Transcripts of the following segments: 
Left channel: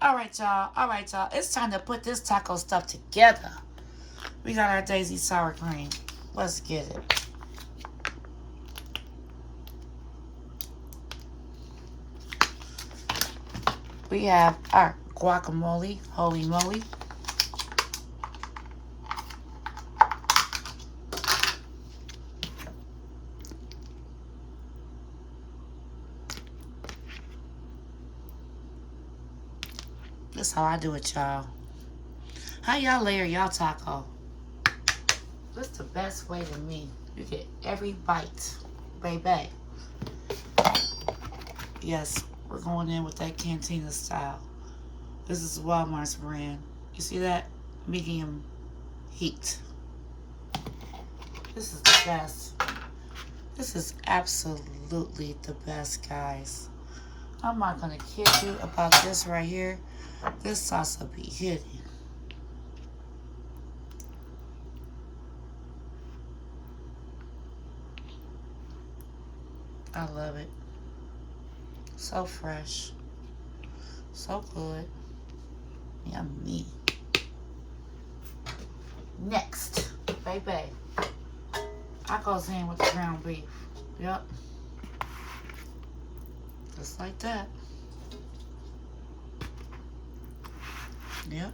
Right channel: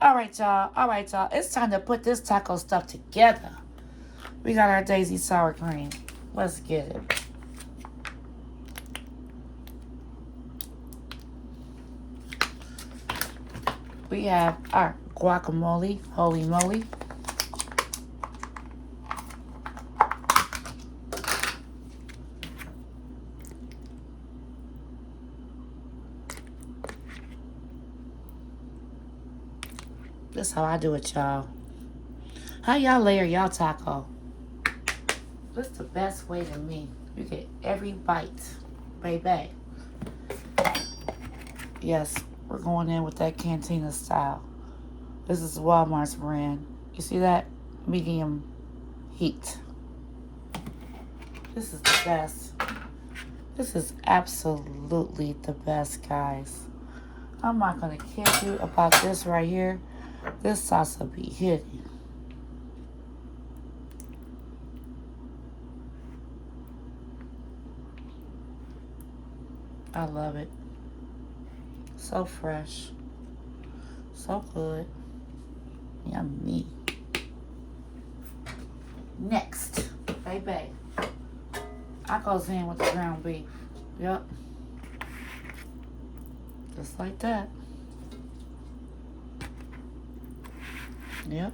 All right, y'all. All right, y'all. It's time to put this taco stuff together. We got our Daisy sour cream. Let's get it. We have our guacamole. Holy moly. This is how I do it, y'all. How y'all layer y'all taco? This the best way to me. You get every bite, baby. Yes, we're going in with that cantina style. This is Walmart's brand. You see that? Medium heat. This is the best. This is absolutely the best, guys. I'm not going to kid you about this right here. This sauce will be hitting. I love it. So fresh. So good. Yummy. Next, baby. I goes in with the ground beef. Yep. Just like that. Yep.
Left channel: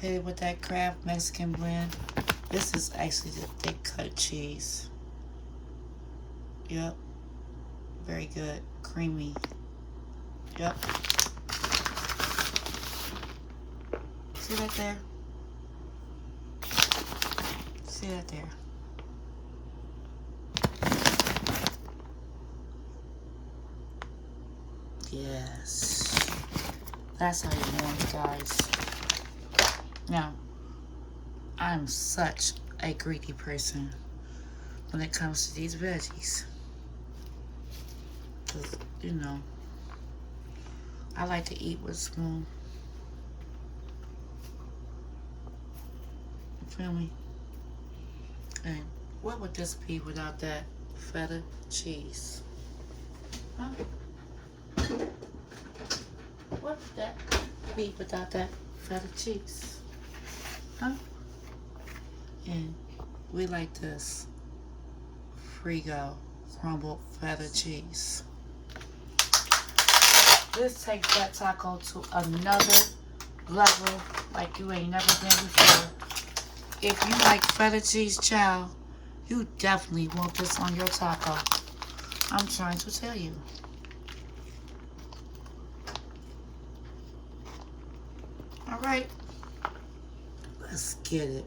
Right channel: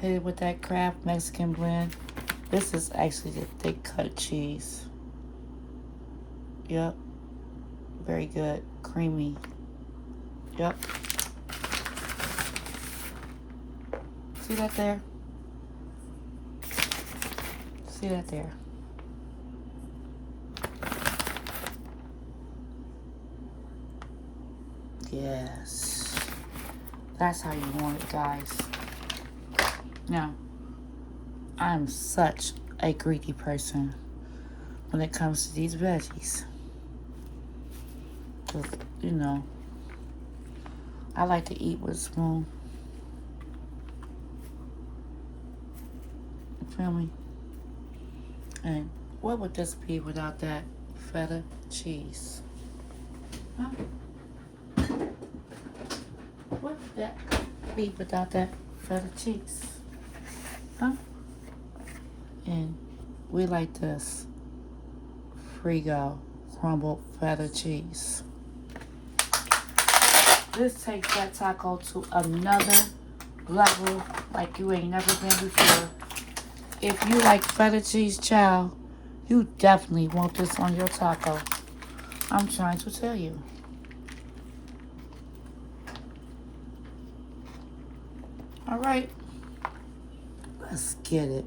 Hit it with that Kraft Mexican blend. This is actually the thick cut cheese. Yep. Very good. Creamy. Yep. See that there? See that there? Yes. That's how you want it, guys. Now, I'm such a greedy person when it comes to these veggies. 'Cause, you know, I like to eat with a spoon. You feel me? And what would this be without that feta cheese? Huh? What would that be without that feta cheese? Huh? And we like this Frigo crumbled feta cheese. This takes that taco to another level like you ain't never been before. If you like feta cheese, child, you definitely want this on your taco. I'm trying to tell you. All right, let's get it.